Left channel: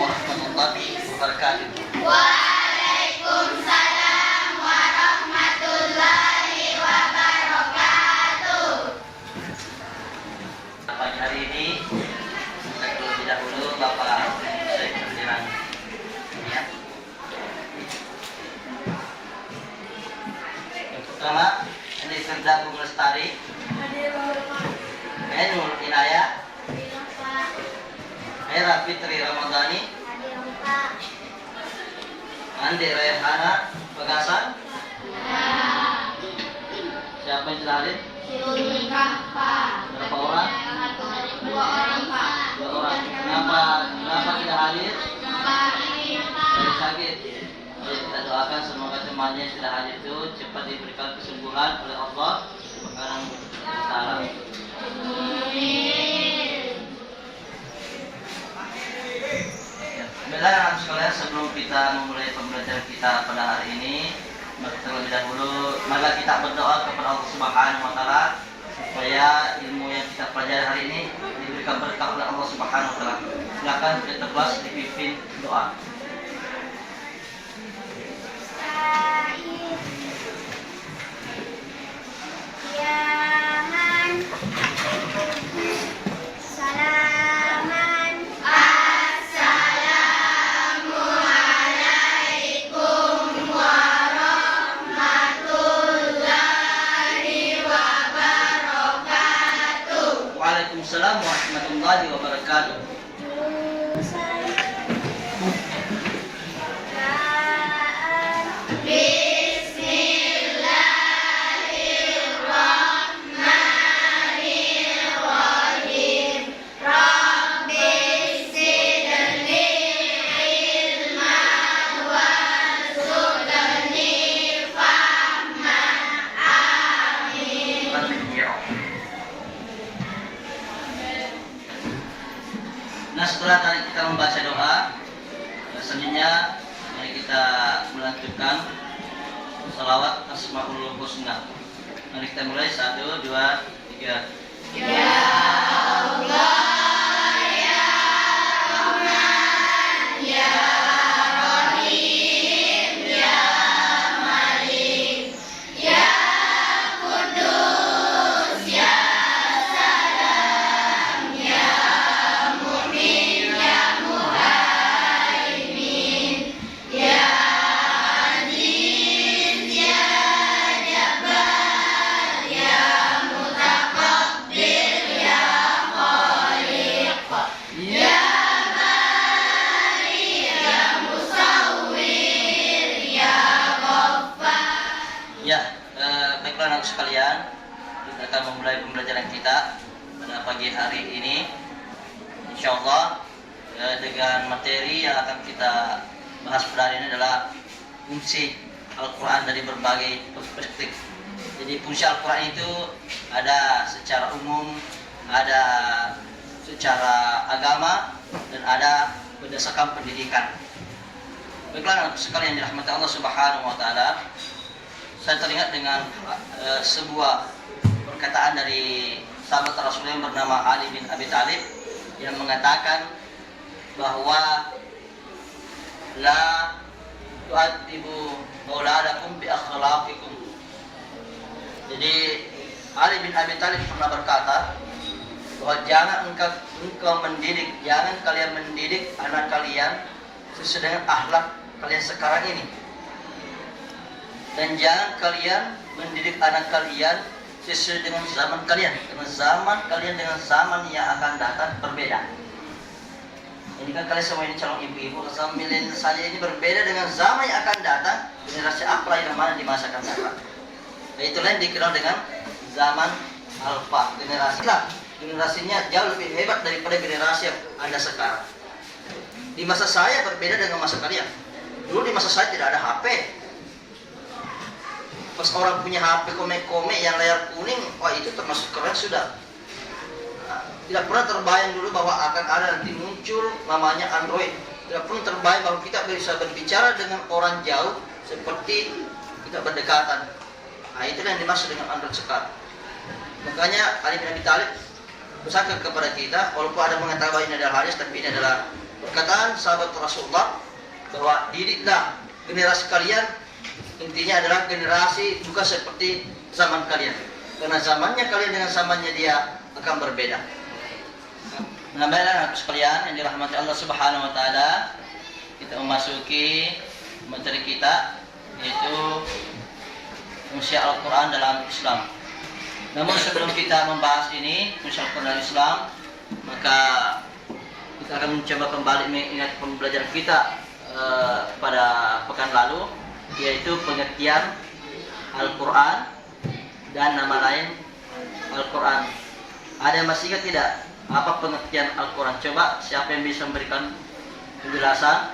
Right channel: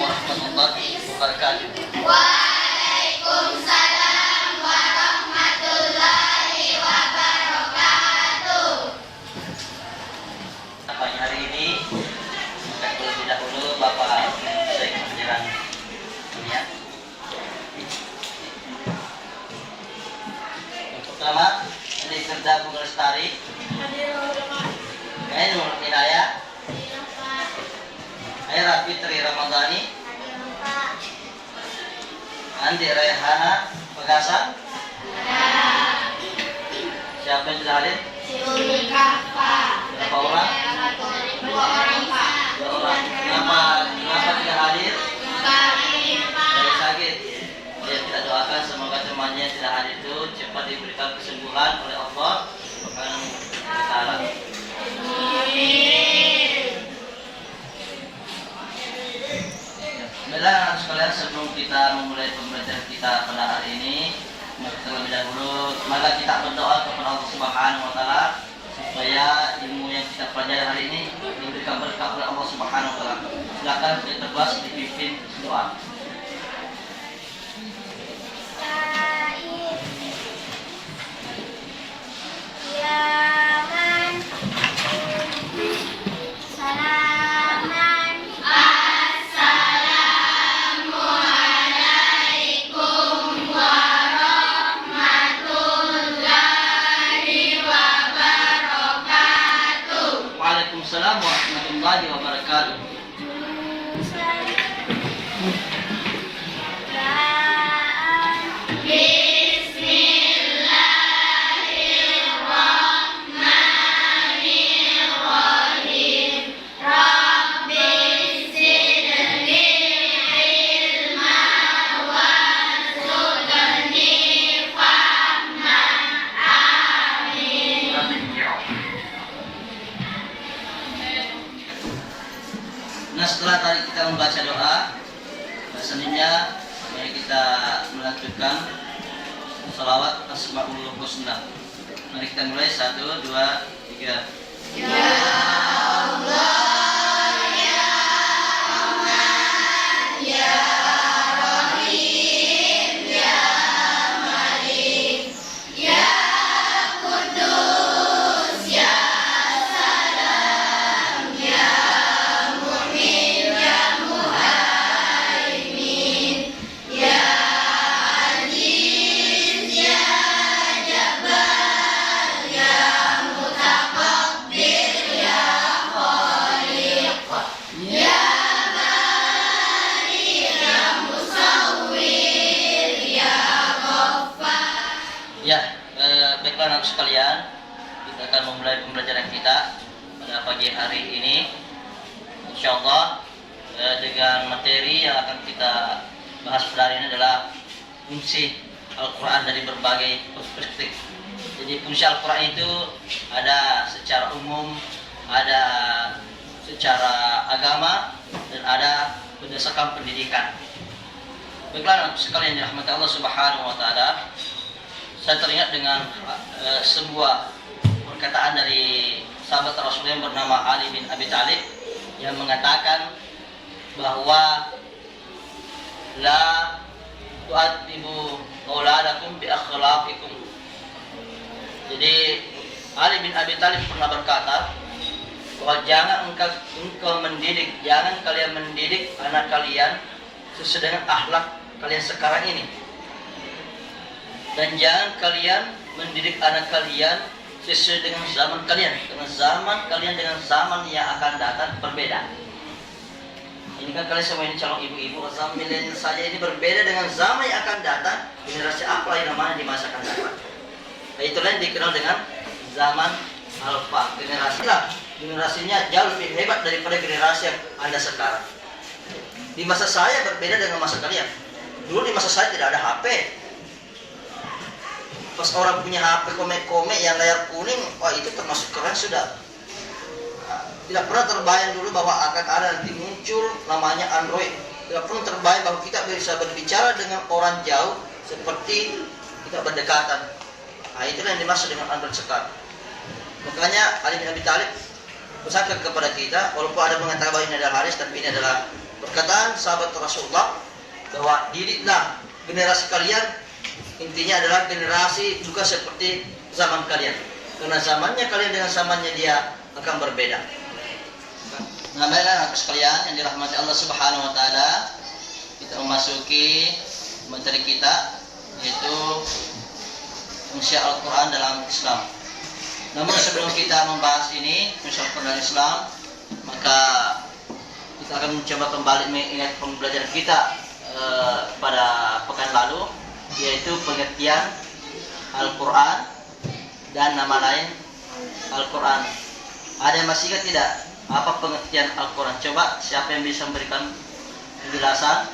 warahmatullahi wabarakatuh. Waalaikumsalam warahmatullahi wabarakatuh. Pagi hari ini kita terlebih dahulu Bapak Syekh Pendidikan Dunia. Yang pertama, ini Firda Bung Lestari. Nur Inayah. Era Fitri Ramadhani. Andi Rayhana Pegasa. Siapa yang sudah hadir? Berapa orang? 2 orang, Pak. 2 orang. Kenapa tidak hadir? Dari sakit. Ya, kita doakan semoga temannya yang tidak hadir itu cepat diberikan kesembuhan oleh Allah Subhanahu wa taala. Baiklah sekalian, sebelum kita memulai pembelajaran kita pada hari ini, terlebih dahulu mari kita berdoa kepada Allah Subhanahu wa taala supaya ilmu yang kita pelajari hari ini diberikan berkah oleh Allah Subhanahu wa taala. Silakan kita bebas dipimpin doa. Waalaikumsalam warahmatullahi wabarakatuh. Bismillahirrahmanirrahim. Rabbi zidni ilman warzuqni fahman. Amin. Nah, setelah tadi kita membaca doa, selanjutnya mari kita melanjutkan salawat Asmaul Husna. Mari kita mulai 1, 2, 3. Ya Allah, ya Rahman, ya Rahim, ya Malik, ya Kudus, ya Salam, ya Mu'min, ya Muhaimin, ya Aziz, ya Jabbar, ya Mutakabbir, ya Khaliq, ya Bari, ya Musawwir, ya Ghaffar. Ya, baiklah anak sekalian, kita akan memulai pembelajaran kita pada pagi hari ini. Insyaallah dengan materi yang akan kita bahas pada hari ini adalah fungsi Al-Quran dari berbagai perspektif. Jadi fungsi Al-Quran itu ada secara umum, ada secara agama, dan ada berdasarkan pendidikan. Baiklah anak sekalian yang dirahmati Allah Subhanahu wa taala, saya teringat dengan sebuah perkataan dari sahabat Rasulullah yang bernama Ali bin Abi Thalib yang mengatakan bahwa la tu'adibu auladakum bi akhlaqikum. Jadi Ali bin Abi Thalib pernah berkata bahwa jangan jangan kalian mendidik anak kalian sesuai dengan akhlak kalian sekarang ini. Dan jangan kalian mendidik anak kalian sesuai dengan zaman kalian. Dengan zaman kalian dengan zaman yang akan datang berbeda. Ini kan kalian semua ini calon ibu-ibu, zaman milenial saja ini berbeda dengan zaman yang akan datang. Generasi apa yang mana di masa akan datang. Dan itulah yang dikenal dengan zaman alfa. Generasinya jauh lebih hebat daripada generasi yang ada sekarang. Di masa saya berbeda dengan masa kalian. Dulu di masa saya tidak ada HP. Pas orang punya HP komek-komek yang layar kuning, wah itu termasuk keren sudah. Tidak pernah terbayang dulu bahwa akan ada nanti muncul namanya Android. Tidak pernah terbayang bahwa kita bisa berbicara dengan orang jauh seperti kita berdekatan. Nah, itulah yang dimaksud dengan Android sekarang. Makanya Ali bin Abi Thalib pesankan kepada kita, walaupun ada mengatakan bahwa ini adalah hadis, tapi ini adalah perkataan sahabat Rasulullah bahwa didiklah generasi kalian, intinya adalah generasi juga seperti zaman kalian, karena zamannya kalian dengan zamannya dia akan berbeda. Nah, baiklah anak sekalian yang dirahmati Allah Subhanahu wa taala, kita memasuki materi kita, yaitu fungsi Al-Qur'an dalam Islam. Namun sebelum kita membahas ini, fungsi Al-Qur'an dalam Islam, maka kita akan mencoba kembali mengingat pembelajaran kita pada pekan lalu, yaitu pengertian Al-Quran dan nama lain Al-Quran. Ada yang masih ingat tidak apa pengertian Al-Quran? Coba siapa yang bisa memberikan penjelasan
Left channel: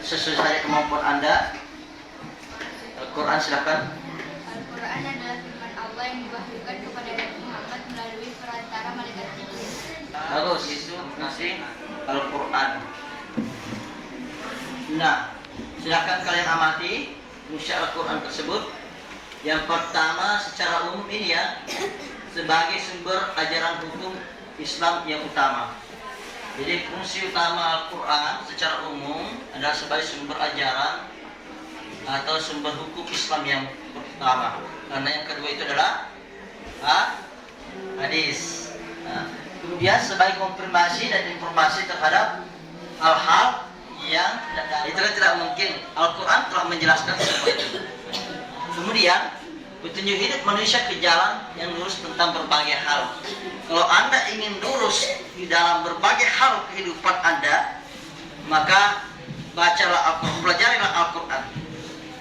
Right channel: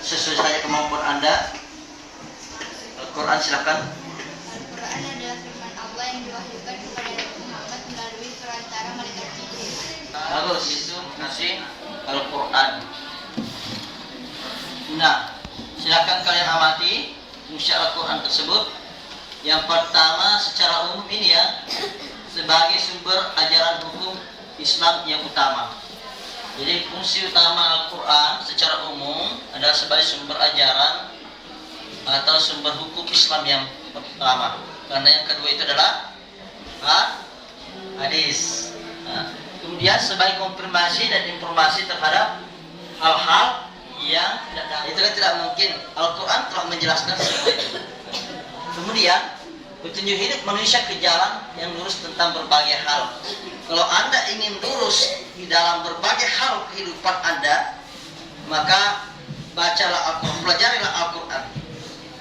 sesuai kemampuan Anda. Al-Quran silakan. Al-Quran adalah firman Allah yang diwahyukan kepada Nabi Muhammad melalui perantara malaikat Jibril. Bagus, itu fungsi Al-Quran. Nah, silakan kalian amati fungsi Al-Quran tersebut. Yang pertama, secara umum ini ya, sebagai sumber ajaran hukum Islam yang utama. Jadi fungsi utama Al-Quran secara umum adalah sebagai sumber ajaran atau sumber hukum Islam yang pertama. Karena yang kedua itu adalah hadis. Nah, kemudian sebagai konfirmasi dan informasi terhadap hal-hal yang itu kan tidak mungkin. Al-Quran telah menjelaskan semua itu. Kemudian petunjuk hidup manusia ke jalan yang lurus tentang berbagai hal. Kalau Anda ingin lurus di dalam berbagai hal kehidupan Anda, maka bacalah Al-Quran, pelajarilah Al-Quran.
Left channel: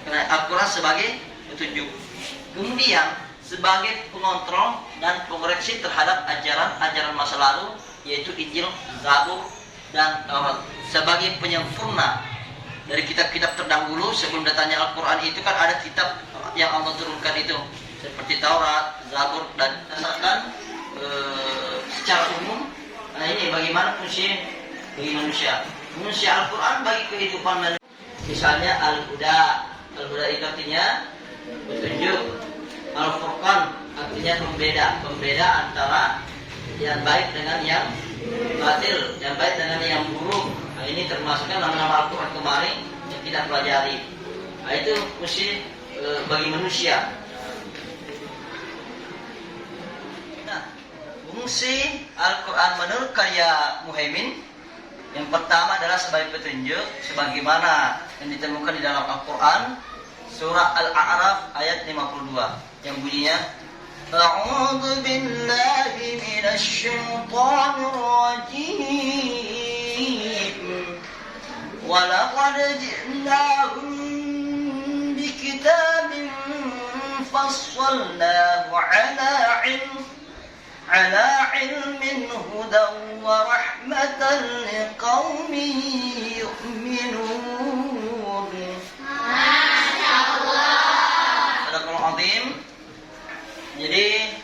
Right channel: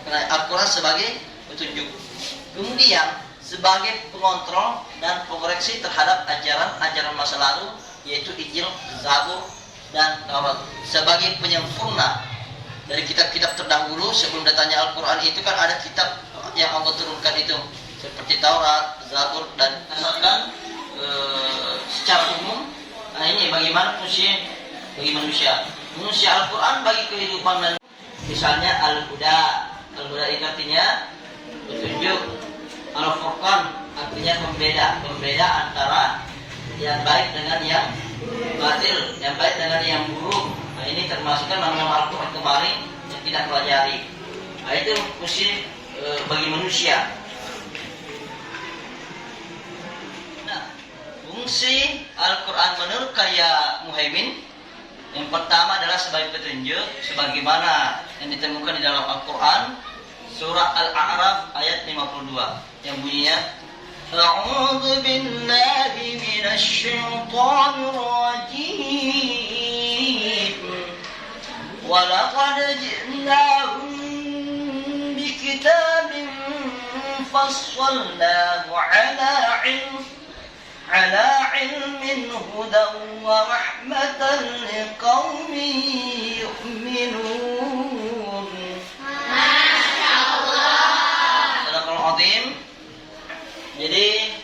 Karena Al-Quran sebagai petunjuk. Kemudian sebagai pengontrol dan pengoreksi terhadap ajaran-ajaran masa lalu, yaitu Injil, Zabur, dan Taurat. Sebagai penyempurna dari kitab-kitab terdahulu sebelum datangnya Al-Quran itu kan ada kitab yang Allah turunkan itu, seperti Taurat, Zabur, dan asalkan secara umum. Nah, ini bagaimana fungsi bagi manusia. Fungsi Al-Quran bagi kehidupan manusia, misalnya Al-Huda. Al-Huda itu artinya petunjuk. Al-Furqan artinya pembeda antara yang baik dengan yang batil, yang baik dengan yang buruk. Nah, ini termasukkan nama-nama Al-Quran kemarin yang tidak pelajari. Nah, itu fungsi bagi manusia. Nah, fungsi Al-Quran menurut karya Muhaimin, yang pertama adalah sebagai petunjuk, sebagaimana yang ditemukan di dalam Al-Quran surah Al-A'raf ayat 52 yang bunyinya, A'udzu billahi minasy syaithanir rajim. Wa laqad ji'nahum bikitabin fassalnahu ala ilmin hudan wa rahmatan liqaumin yu'minun. Azim. Jadi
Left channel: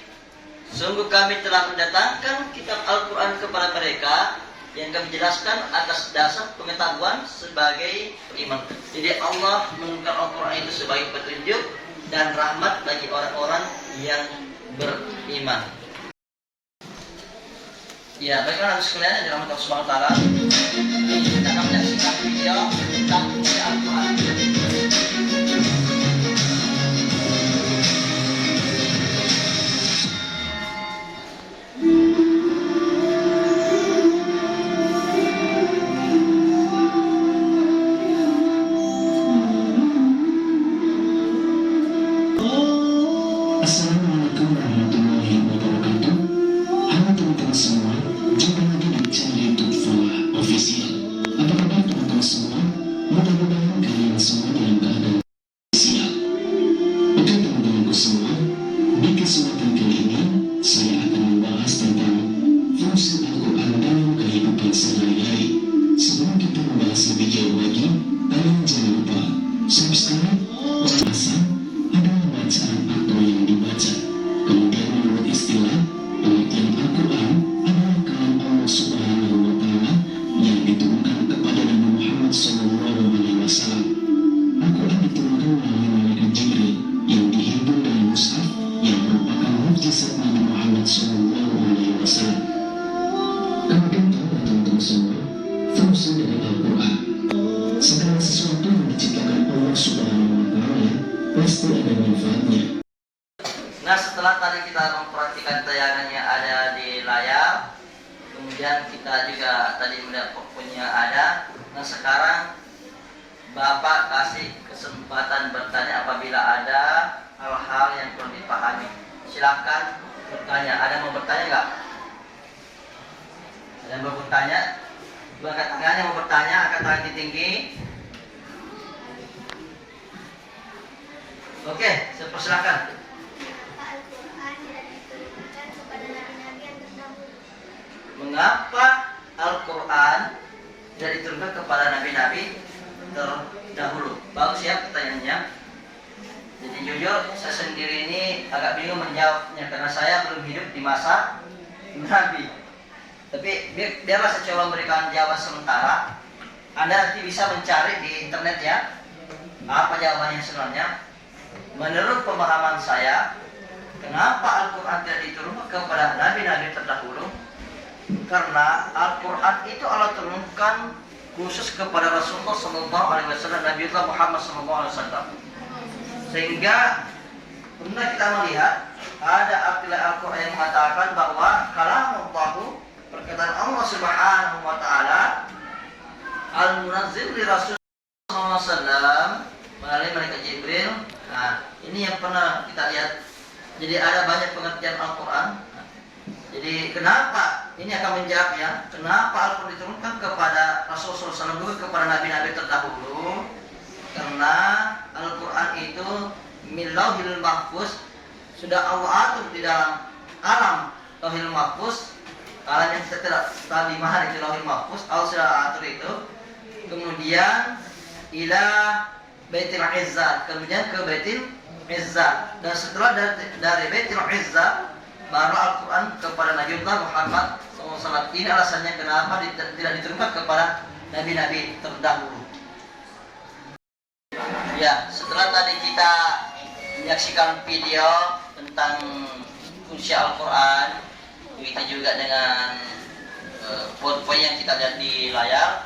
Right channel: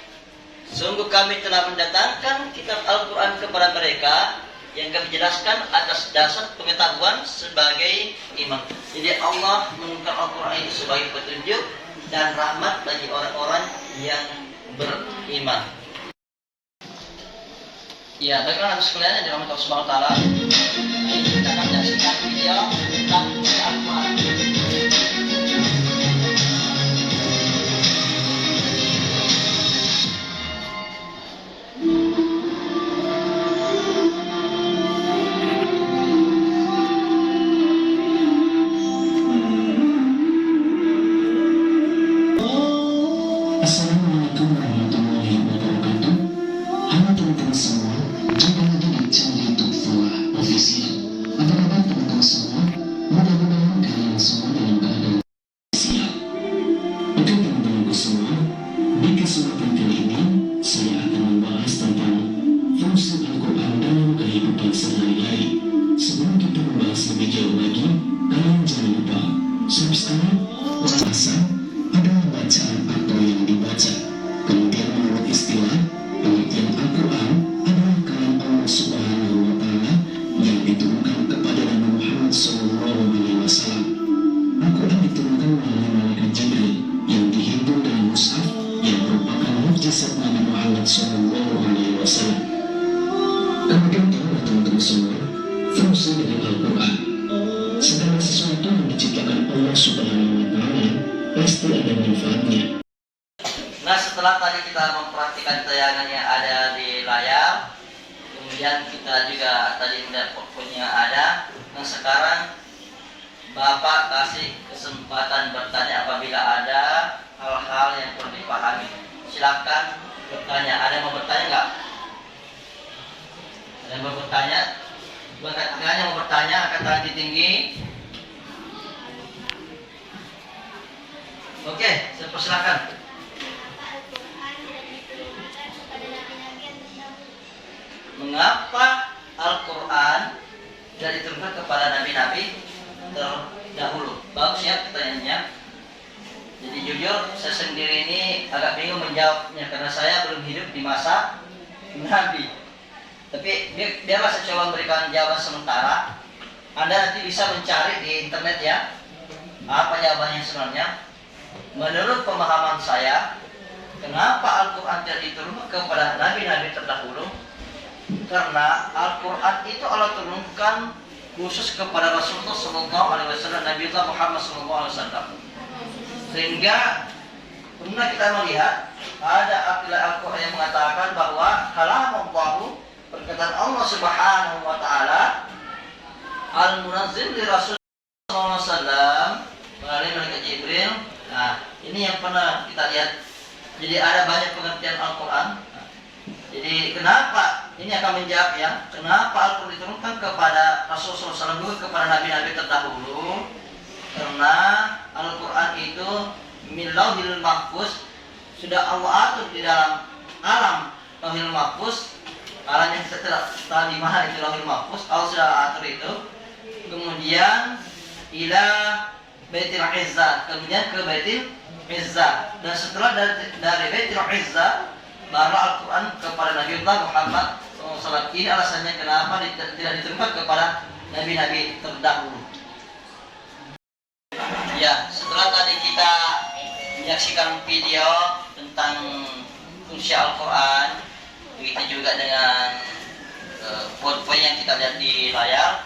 sungguh kami telah mendatangkan kitab Al-Quran kepada mereka yang kami jelaskan atas dasar pengetahuan sebagai iman. Jadi Allah menurunkan Al-Quran itu sebagai petunjuk dan rahmat bagi orang-orang yang beriman. Ya, baiklah sekalian yang dirahmati Allah Subhanahu wa taala. Kita akan menyaksikan video tentang Al-Quran. Assalamualaikum warahmatullahi wabarakatuh. Halo teman-teman semua, jumpa lagi di channel YouTube Falah Official. Apa kabar teman-teman semua? Mudah-mudahan kalian semua dalam keadaan siap. Oke teman-temanku semua, di kesempatan kali ini saya akan membahas tentang fungsi Al-Quran dalam kehidupan sehari-hari. Sebelum kita membahas lebih jauh lagi, kalian jangan lupa subscribe, belasan adalah bacaan atau yang dibaca. Kemudian menurut istilah, pengertian Al-Quran adalah kalam Allah Subhanahu wa taala yang diturunkan kepada Nabi Muhammad SAW. Al-Quran diturunkan melalui malaikat Jibril yang dihimpun dari mushaf yang merupakan mukjizat Nabi Muhammad SAW. Kemudian teman-teman semua, menunjukkan tayangan yang ada di layar. Kemudian kita juga tadi melihat powerpointnya ada. Nah sekarang Bapak kasih kesempatan bertanya apabila ada hal-hal yang perlu dipahami. Silakan bertanya. Ada yang mau bertanya nggak? Ada yang mau bertanya? Angkat tangan yang mau bertanya, angkat tangan tinggi. Oke, saya persilakan. Mengapa Al-Quran tidak diturunkan kepada nabi-nabi terdahulu? Bagus ya pertanyaannya. Jadi jujur saya sendiri ini agak bingung menjawabnya karena saya belum hidup di masa Nabi. Tapi biarlah saya coba memberikan jawaban sementara. Anda nanti bisa mencari di internet ya apa jawabannya sebenarnya. Menurut pemahaman saya, kenapa Al-Quran tidak diturunkan kepada nabi-nabi terdahulu? Karena Al-Quran itu Allah turunkan khusus kepada Rasulullah SAW, Nabi Muhammad SAW. Sehingga pernah kita melihat ada akidah Al-Quran yang mengatakan bahwa kalamullah, perkataan Allah Subhanahu wa taala, al-munazzil li Rasulullah SAW melalui malaikat Jibril. Nah, ini yang pernah kita lihat. Jadi ada banyak pengertian Al-Quran. Jadi kenapa ini akan menjawab ya? Kenapa Al-Quran diturunkan kepada Rasulullah SAW bukan kepada nabi-nabi terdahulu? Karena Al-Quran itu min lauhil mahfuz, sudah Allah atur di dalam alam lauhil mahfuz. Alam yang kita tidak tahu di mana itu lauhil mahfuz, Allah sudah atur itu. Kemudian ila Baitul Izzah, kemudian ke Baitul Izzah, dan setelah dari Baitul Izzah baru Al-Quran kepada Nabi Muhammad SAW. Ini alasannya kenapa tidak diturunkan kepada nabi-nabi terdahulu. Ya, setelah tadi kita menyaksikan video tentang fungsi Al-Quran, begitu juga dengan poin-poin yang kita lihat di layar.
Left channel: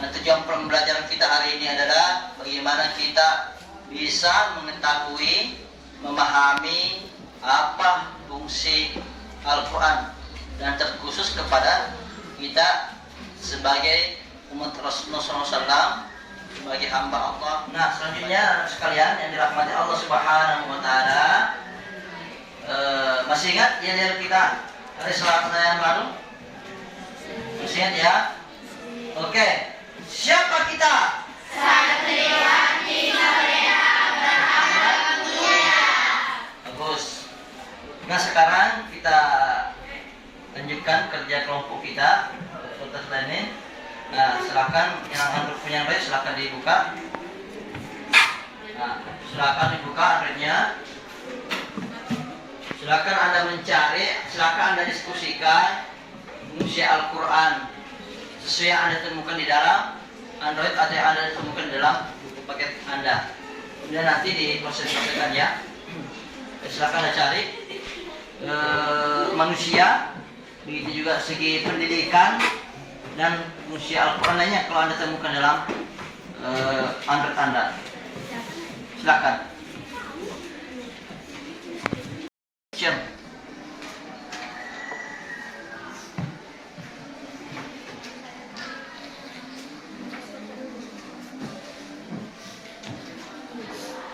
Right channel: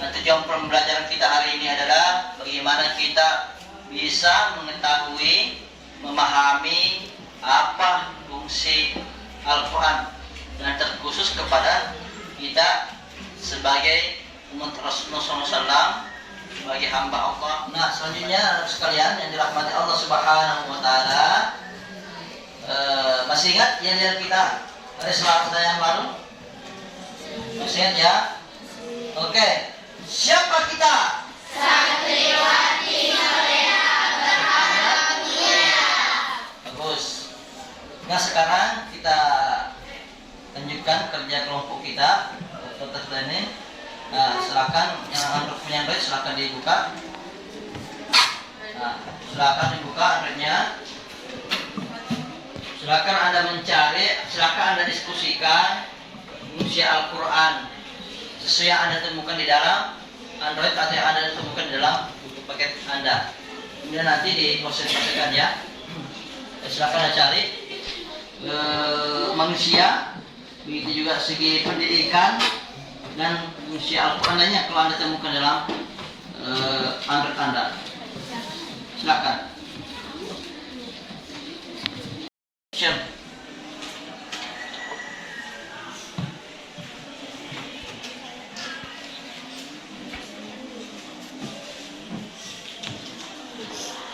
Nah, tujuan pembelajaran kita hari ini adalah bagaimana kita bisa mengetahui, memahami apa fungsi Al-Quran dan terkhusus kepada kita sebagai umat Rasulullah SAW, sebagai hamba Allah. Nah selanjutnya sekalian yang dirahmati Allah Subhanahu wa taala, masih ingat ya kita ada pertanyaan baru? Masih ingat ya? Oke, siapa kita? Santriwati Soleha berharap mulia. Bagus. Nah sekarang kita lanjutkan kerja kelompok kita untuk ini. Nah silakan yang Anda punya baik silakan dibuka. Nah silakan dibuka akhirnya. Silakan Anda mencari, silakan Anda diskusikan fungsi Al-Quran sesuai yang Anda temukan di dalam Android atau yang Anda temukan di dalam buku paket Anda. Kemudian nanti diproses-proseskan ya. Silakan Anda cari manusia, begitu juga segi pendidikan dan fungsi Al-Quran lainnya kalau Anda temukan dalam Android Anda. Silakan.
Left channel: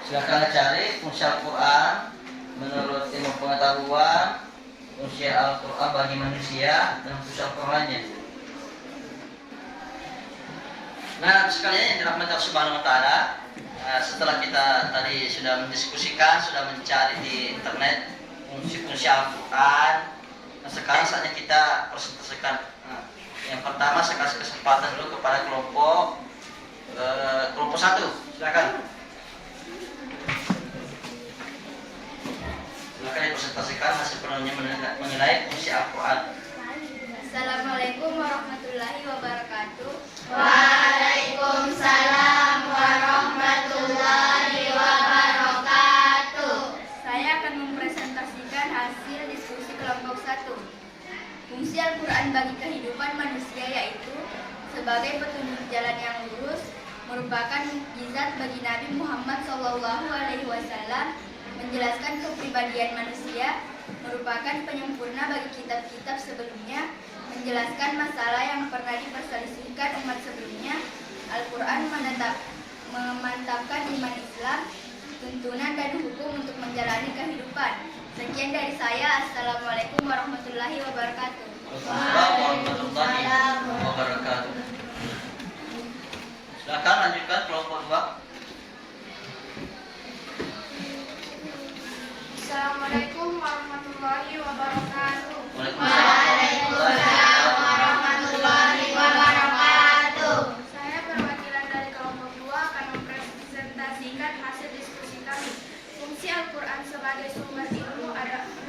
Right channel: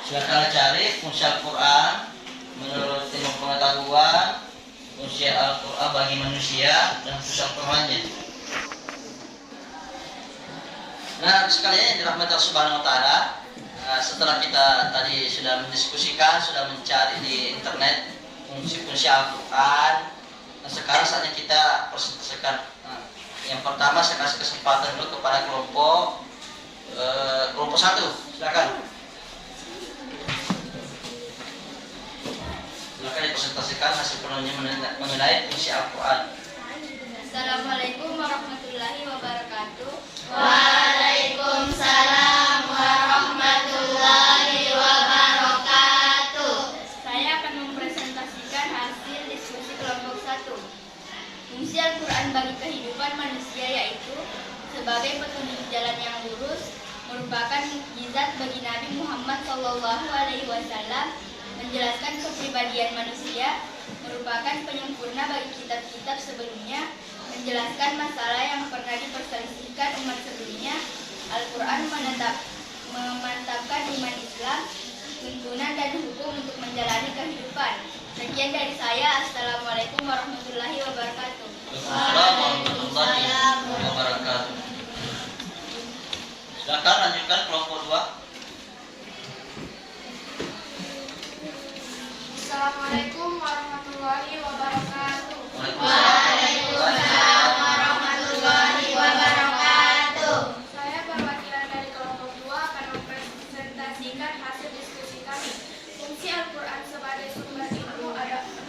Silakan cari fungsi Al-Quran menurut ilmu pengetahuan, fungsi Al-Quran bagi manusia dan fungsi Al-Quran lainnya. Nah sekalian yang dirahmati Allah Subhanahu wa taala, setelah kita tadi sudah mendiskusikan, sudah mencari di internet fungsi-fungsi Al-Quran, nah sekarang saatnya kita presentasikan. Yang pertama saya kasih kesempatan dulu kepada kelompok 1. Silakan. Silakan dipresentasikan hasil penuhnya mengenai fungsi Al-Quran. Assalamualaikum warahmatullahi wabarakatuh. Waalaikumsalam warahmatullahi wabarakatuh. Saya akan mempresentasikan hasil diskusi kelompok 1. Fungsi Al-Quran bagi kehidupan manusia yaitu sebagai petunjuk jalan yang lurus, merupakan mukjizat bagi Nabi Muhammad SAW, menjelaskan kepribadian manusia, merupakan penyempurna bagi kitab-kitab sebelumnya, menjelaskan masalah yang pernah diperselisihkan umat sebelumnya. Al-Quran memantapkan iman Islam, tuntunan dan hukum untuk menjalani kehidupan. Sekian dari saya. Assalamualaikum warahmatullahi wabarakatuh. Waalaikumsalam warahmatullahi wabarakatuh. Silakan lanjutkan kelompok 2. Assalamualaikum warahmatullahi wabarakatuh. Waalaikumsalam warahmatullahi wabarakatuh. Saya perwakilan dari kelompok 2 akan mempresentasikan hasil diskusi kami. Fungsi Al-Quran sebagai sumber ilmu ada 6,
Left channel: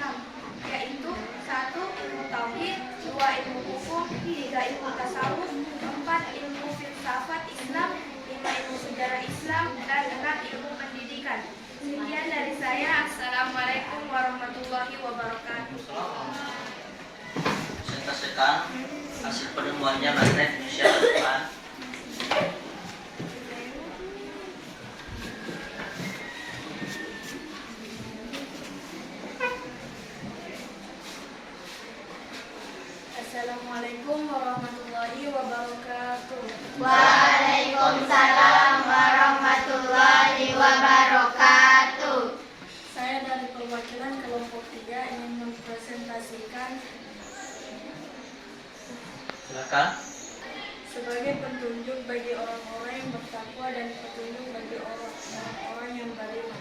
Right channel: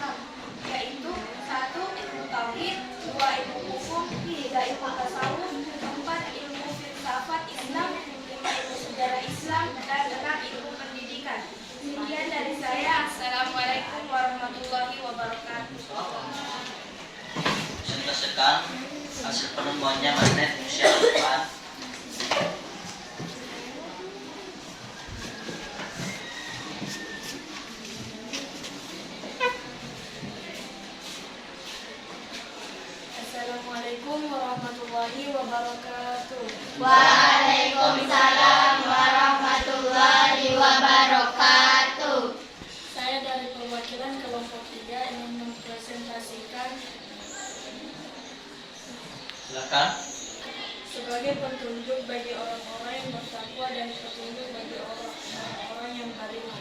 yaitu 1. Ilmu tauhid, 2. Ilmu hukum, 3. Ilmu tasawuf, 4. Ilmu filsafat Islam, 5. Ilmu sejarah Islam, dan 6. Ilmu pendidikan. Sekian dari saya. Assalamualaikum warahmatullahi wabarakatuh. Presentasikan hasil penemuannya mengenai fungsi Al-Quran. Assalamualaikum warahmatullahi wabarakatuh. Waalaikumsalam warahmatullahi wabarakatuh. Saya dari perwakilan kelompok 3 ingin mempresentasikan Silakan. sebagai petunjuk bagi orang-orang yang bertakwa dan petunjuk bagi orang-orang yang beriman.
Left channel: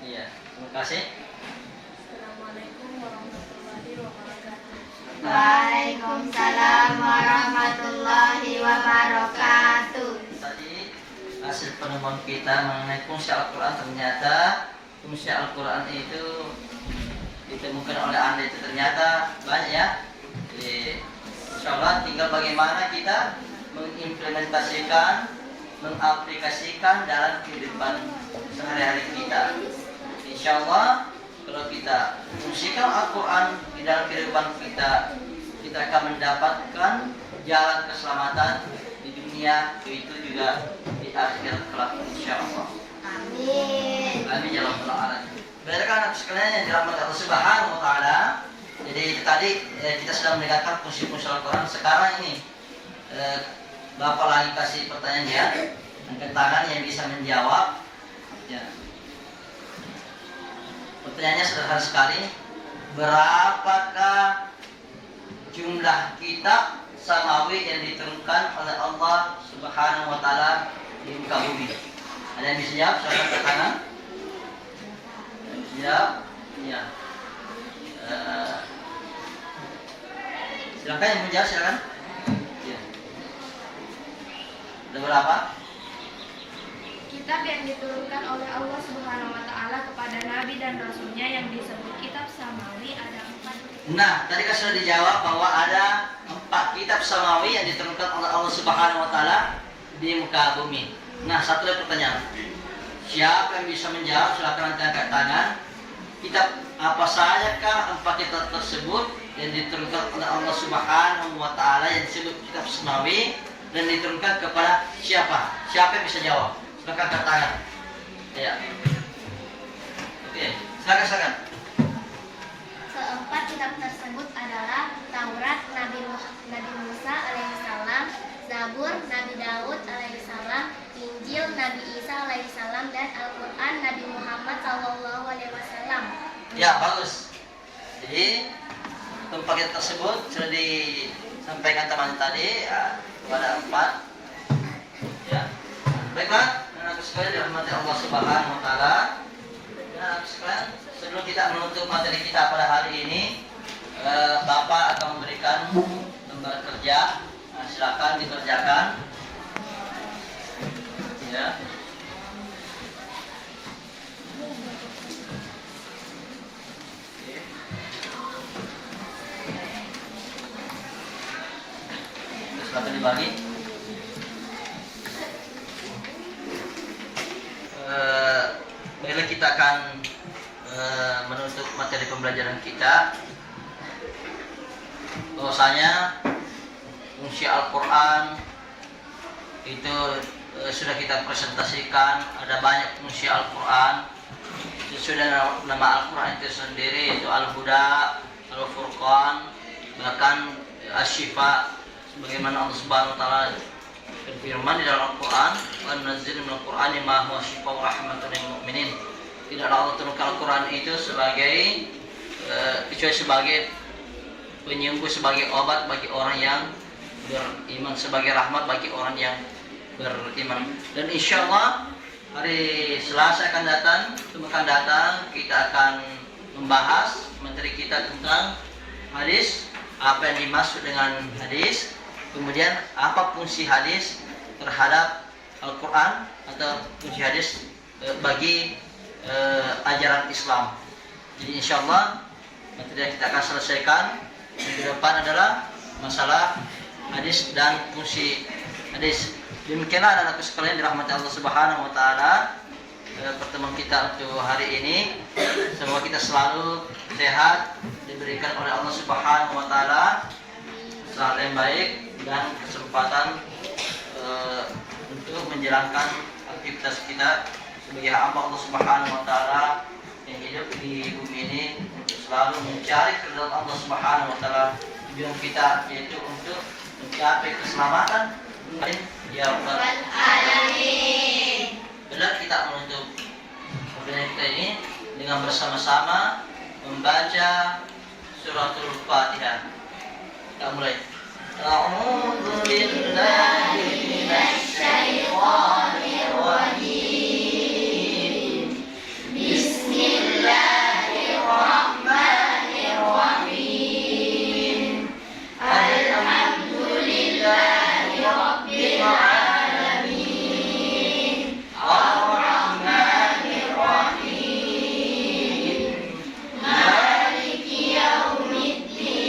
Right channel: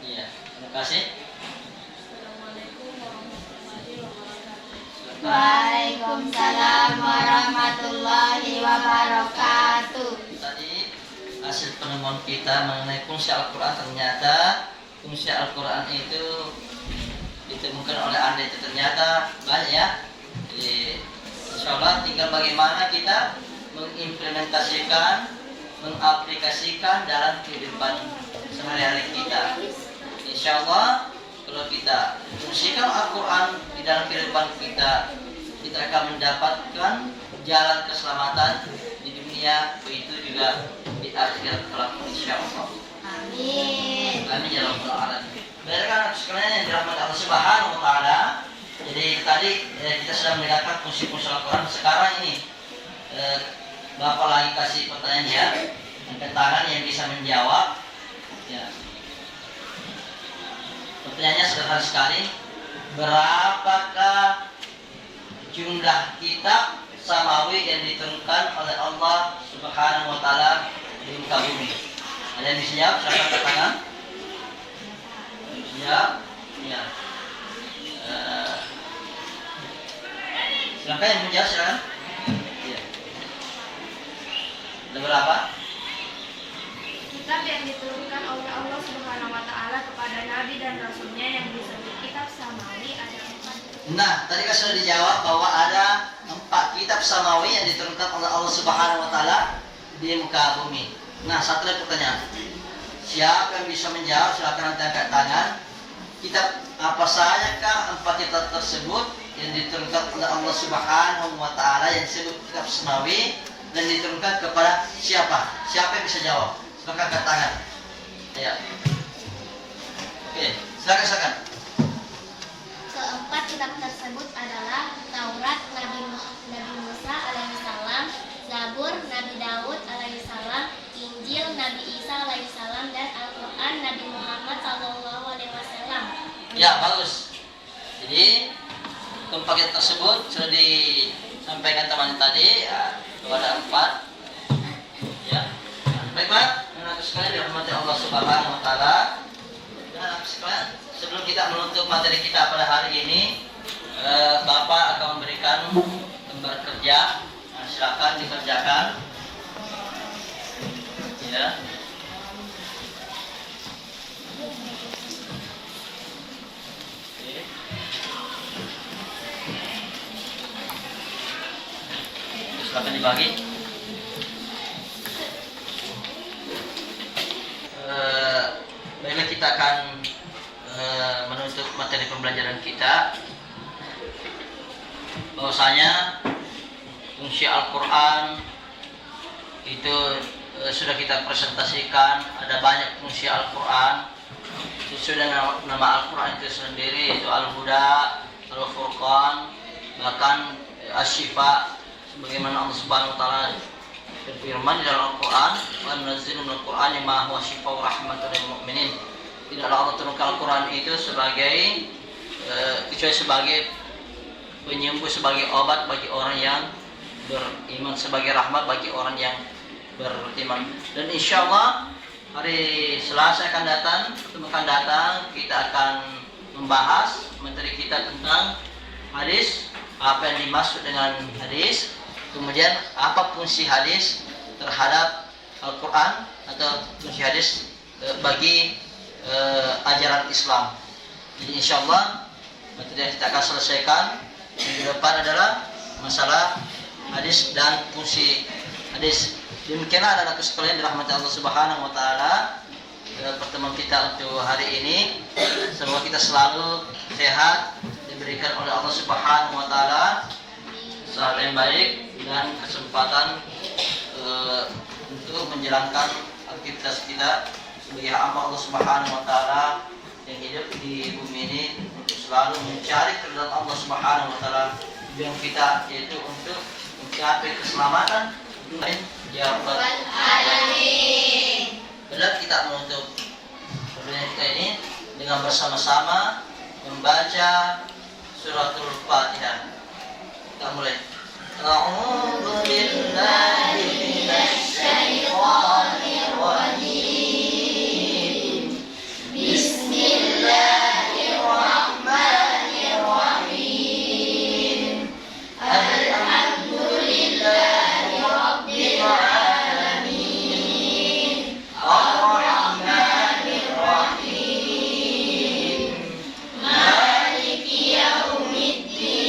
Iya, terima kasih. Assalamualaikum warahmatullahi wabarakatuh. Silakan. Waalaikumsalam warahmatullahi wabarakatuh. Tadi hasil penemuan kita mengenai fungsi Al-Quran, ternyata fungsi Al-Quran itu ditemukan oleh Anda itu ternyata banyak ya. Jadi insya Allah tinggal bagaimana kita mengimplementasikan, mengaplikasikan dalam kehidupan sehari-hari kita. Insya Allah kalau kita fungsikan Al-Quran di dalam kehidupan kita, kita akan mendapatkan jalan keselamatan di dunia, begitu juga di akhirat kelak insya Allah. Amin. Amin ya rabbal alamin. Baik anak sekalian yang dirahmati Allah Subhanahu wa taala. Jadi tadi kita sudah mendengarkan fungsi-fungsi Al-Quran. Sekarang ini Bapak lagi kasih pertanyaan ya, angkat tangan yang bisa menjawab. Ya. Pertanyaannya sederhana sekali. Berapakah jumlah kitab samawi yang diturunkan oleh Allah Subhanahu wa taala di muka bumi? Ada yang bisa jawab? Silakan angkat tangan. Siap? Iya. Silakan yang menjawab, silakan. Iya. Ada berapa? Kitab yang diturunkan oleh Allah Subhanahu wa taala kepada nabi dan rasulnya yang disebut kitab samawi ada 4. Nah, tadi kan sudah dijawab bahwa ada 4 kitab samawi yang diturunkan oleh Allah Subhanahu wa taala di muka bumi. Nah, satu lagi pertanyaan. Siapa yang bisa menjawab? Silakan angkat tangan. Kitab apa saja kah 4 kitab tersebut yang diturunkan oleh Allah Subhanahu wa taala yang disebut kitab samawi dan diturunkan kepada siapa? Siapa yang bisa jawab? Silakan angkat tangan. Ya. Oke, silakan. Keempat kitab tersebut adalah Taurat Nabi Musa alaihissalam, Zabur Nabi Daud alaihissalam, Injil Nabi Isa alaihissalam, dan Al-Quran Nabi Muhammad sallallahu alaihi wasallam. Ya, bagus. Jadi keempat kitab tersebut sudah disampaikan teman tadi ya, ada 4. Ya. Baiklah, anak sekalian dirahmati Allah Subhanahu wa taala. Ya, sekalian, sebelum kita menutup materi kita pada hari ini, Bapak akan memberikan lembar kerja. Nah, silakan dikerjakan. Ya. Oke. Silakan dibagi. Baiklah, kita akan menutup materi pembelajaran kita. Bahwasanya fungsi Al-Quran itu sudah kita presentasikan. Ada banyak fungsi Al-Quran. sesuai dengan nama Al-Quran itu sendiri, itu Al-Huda, Al-Furqan, bahkan Asy-Syifa, sebagaimana Allah Subhanahu wa taala berfirman di dalam Al-Quran, "Wa nunazzilu minal Qur'ani ma huwa syifaa'un wa rahmatun lil mu'minin." Tidaklah Allah turunkan Al-Quran itu sebagai kecuali sebagai penyembuh, sebagai obat bagi orang yang beriman, sebagai rahmat bagi orang yang beriman. Dan insya Allah hari Selasa akan datang kita akan membahas materi kita tentang hadis, apa yang dimaksud dengan hadis, kemudian apa fungsi hadis terhadap Al-Quran atau fungsi hadis bagi ajaran Islam. Jadi insya Allah materi yang kita akan selesaikan minggu depan adalah masalah hadis dan fungsi hadis. Demikianlah anak-anakku sekalian dirahmati Allah Subhanahu wa taala, pertemuan kita untuk hari ini. Semoga kita selalu sehat, diberikan oleh Allah Subhanahu wa taala kesehatan yang baik dan kesempatan untuk menjalankan aktivitas kita sebagai hamba Allah Subhanahu wa taala yang hidup di bumi ini untuk selalu mencari keridhaan Allah Subhanahu wa taala. Tujuan kita yaitu untuk mencapai keselamatan. Ya Rabbal Alamin. Benar kita menutup pertemuan kita ini dengan bersama-sama membaca suratul Fatihah. Kita mulai. A'udzu billahi minasy syaithanir rajim. Bismillahirrahmanirrahim. Alhamdulillahi rabbil alamin. Ar-rahmanir rahim. Maliki yaumiddin.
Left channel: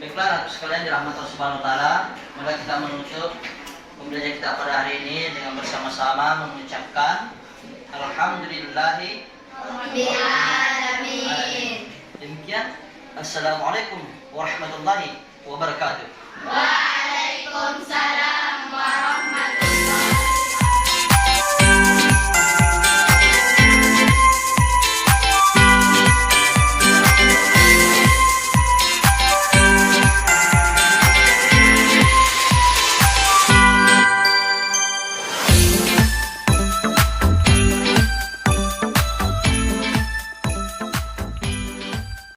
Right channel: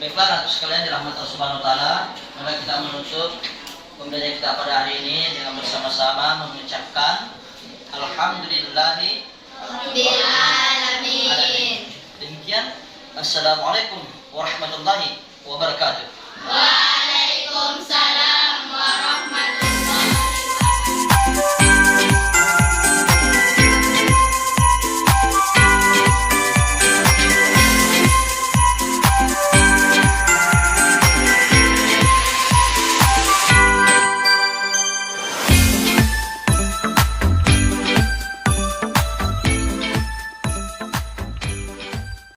Baiklah, anak sekalian dirahmati Allah Subhanahu wa taala, maka kita menutup pembelajaran kita pada hari ini dengan bersama-sama mengucapkan alhamdulillahi Rabbil alamin. Demikian, assalamualaikum warahmatullahi wabarakatuh. Waalaikumsalam.